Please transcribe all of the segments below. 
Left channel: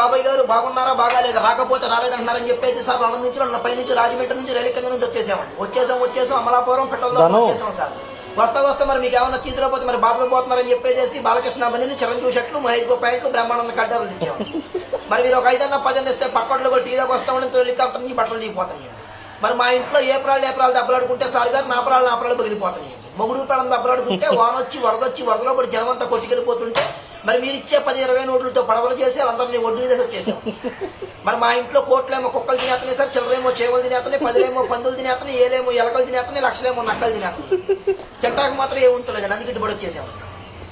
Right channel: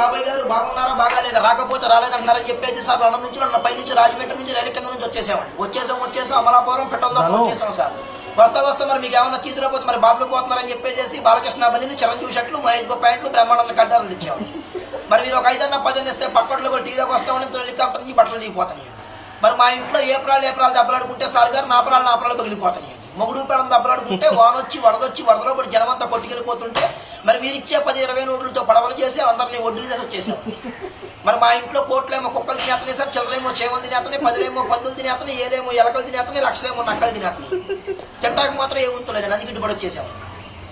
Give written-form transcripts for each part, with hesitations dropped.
బాబాయ్ గారు బాగున్నారా బాగాలేదా రాకపోతే రాలేదంటున్నారని చెప్పేసి సార్ అన్నం నుంచి పై నుంచి రాజమండ్రి నుంచి రైలు కింద నుంచి వచ్చేసాం అమలాపురం పెట్టడంలో వచ్చేసాం సార్ వస్తా మరి మీకు ఏమన్నా తీసుకురాపోతే మరి బాబులు పోతున్నారని చెప్పేసి బాలకృష్ణ బండిని చిరంజీవి షర్ట్లు మహేష్ బాబు ప్యాంట్లు బ్రహ్మానంద కడ్డాలు తెచ్చాము. మరి మీరు ఒక 5-10 ఇస్తే పక్కట్లో కూడా టీలోకి వస్తామని హెలికాప్టర్ నుంచి బట్టలు దిగిపోతాయి. మరి మా ఇంట్లో ఏప్రాలు దెబ్బలాడుకుంటే సార్ గారు నాపరాలు పగిలిపోతాయి. మొగుడు పిల్లలు దెబ్బలాడుకుంటే వానొచ్చి వరదలో పడి జనమంతా కొట్టుకెళ్ళిపోతుంటే మరి మీరు ఇచ్చే 10-20 నోట్లతో పడవలు చేసి అందరినీ ఒడ్డు చేసి వచ్చేసాం. మరి మా ఇంట్లో కోట్లేమో కుక్కలు తినేస్తున్నాయి సార్, చిల్లరేమో చేవలు తినేస్తున్నాయి, 10లేమో పందులు తినేస్తున్నాయి, ఏలేమో ఎలకలు తినేస్తున్నాయి, లక్షలేమో నక్కలు తినేస్తున్నాయి. తింటాక మాత్రం ఏముంటలేదు అందుకు గిట్టుబడి వచ్చేసాము.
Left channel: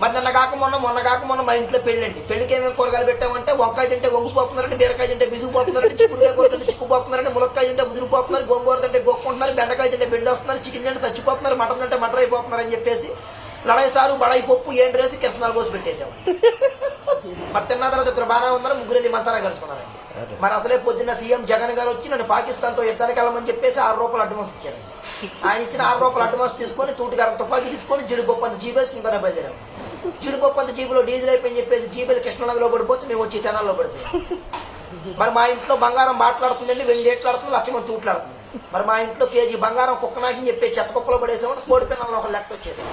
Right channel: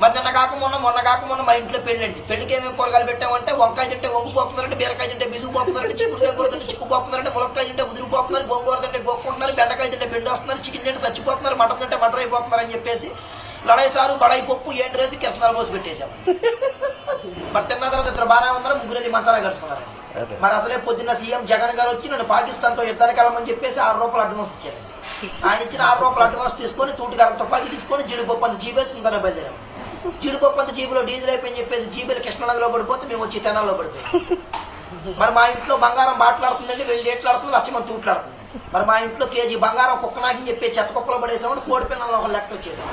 మరి మొన్న కాక మొన్న మా ఇంట్లో పెళ్ళండి. పెళ్లికి ఏమేమి కూరగాయలు పెట్టామంటే వంకాయ తింటే వంగిపోతున్నారంటే, బీరకాయ తింటే బిసుకుపోతున్నారంటే, చిక్కుడుకాయ కూర తింటే చిక్కుపోతున్నారంటే, ములక్కాయ తింటే ముదిరిపోతున్నారు, గోంగూర తింటే గోక్కుంటున్నారు, బెండకాయ తింటే బెండి వస్తున్నారు, చికెన్ తింటే చచ్చిపోతున్నారు, మటన్ తింటే మటర్ అయిపోతున్నారు అని చెప్పేసి లడాయి సారు బడాయి పప్పు ఏంటి రేసి కిరసనాలు పోసి పెట్టేశాము. మరి తిన్న తర్వాత ఇద్దరు బాగా ఉన్నారు, ముగ్గురు మంచాలా కలుసుకున్నారు. మరి అసలే పొద్దున్న సీఎం జగన్ గారు వచ్చి నన్ను పాకిస్తాన్ తో యుద్ధానికి వెళ్ళమని చెప్పేసి ₹6 అడ్వాన్స్ ఇచ్చారు. ఆయన ఇచ్చిన ₹6 అడ్వాన్స్ తీసుకొని తూటిగారం తుపాకి తీసుకొని జీడిపప్పు అంత జీబేసి ఉందని బయలుదేరాము. జీడిపప్పు అంత జీబులో డీజిల్ అయిపోయింది చెప్పేసి జీబీలు కృష్ణనదిలో పడిపోతే మేము వచ్చి తెనాల్లో పడిపోయాం. మరి మా ఇంట్లో బంగారం బాట్లాడుతుందండి, వెళ్ళి ఏట్లాడుతుంది, లక్షమంది తూట్లాడుతుంది. మరి మా ఇంట్లో కేజీ బంగారం కుక్కనాకి చెప్పి చెత్త కుక్కలో పడేసామని కోడి పిల్లలు ఒక లెక్క వచ్చేసాం.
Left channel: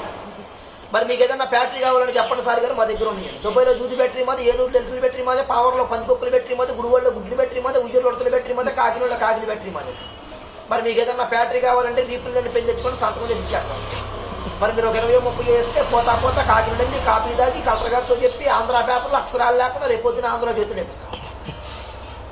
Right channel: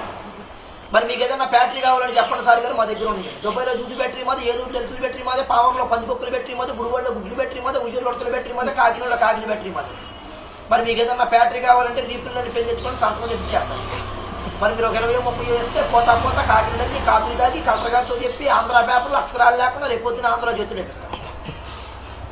మరి మీకు ఏదైనా బ్యాటరీ కావాలని చెప్పండి సార్ గారు, మా దగ్గర ఉంది. దుబాయ్లో దూది బ్యాటరీ మాది, ఏలూరులో ఎలుకల బ్యాటరీ మాది, పావర్లో పందికొక్కుల బ్యాటరీ మాది, గుడివాడలో గుడ్డి బ్యాటరీ మాది, ఉయ్యూరులో ఉడతల బ్యాటరీ మాది, కాకినాడలో కాకిన బ్యాటరీ మాది. మరి మీకు ఏదైనా బ్యాటరీ కావాలంటే రీపుల్ని పెళ్లి తెచ్చుకొని సంతకం చేసి ఇచ్చేస్తాను. మరి మీరు ఒక 20-30 వేస్తే పోతా కాకినాడని కాపీ దాగి కలెక్టర్ గారితో చెప్పి ఆంధ్ర పేపర్లు అక్షరాలు లేకుండా రేపొద్దున ఆంధ్ర చేతులు నేర్పిస్తాను.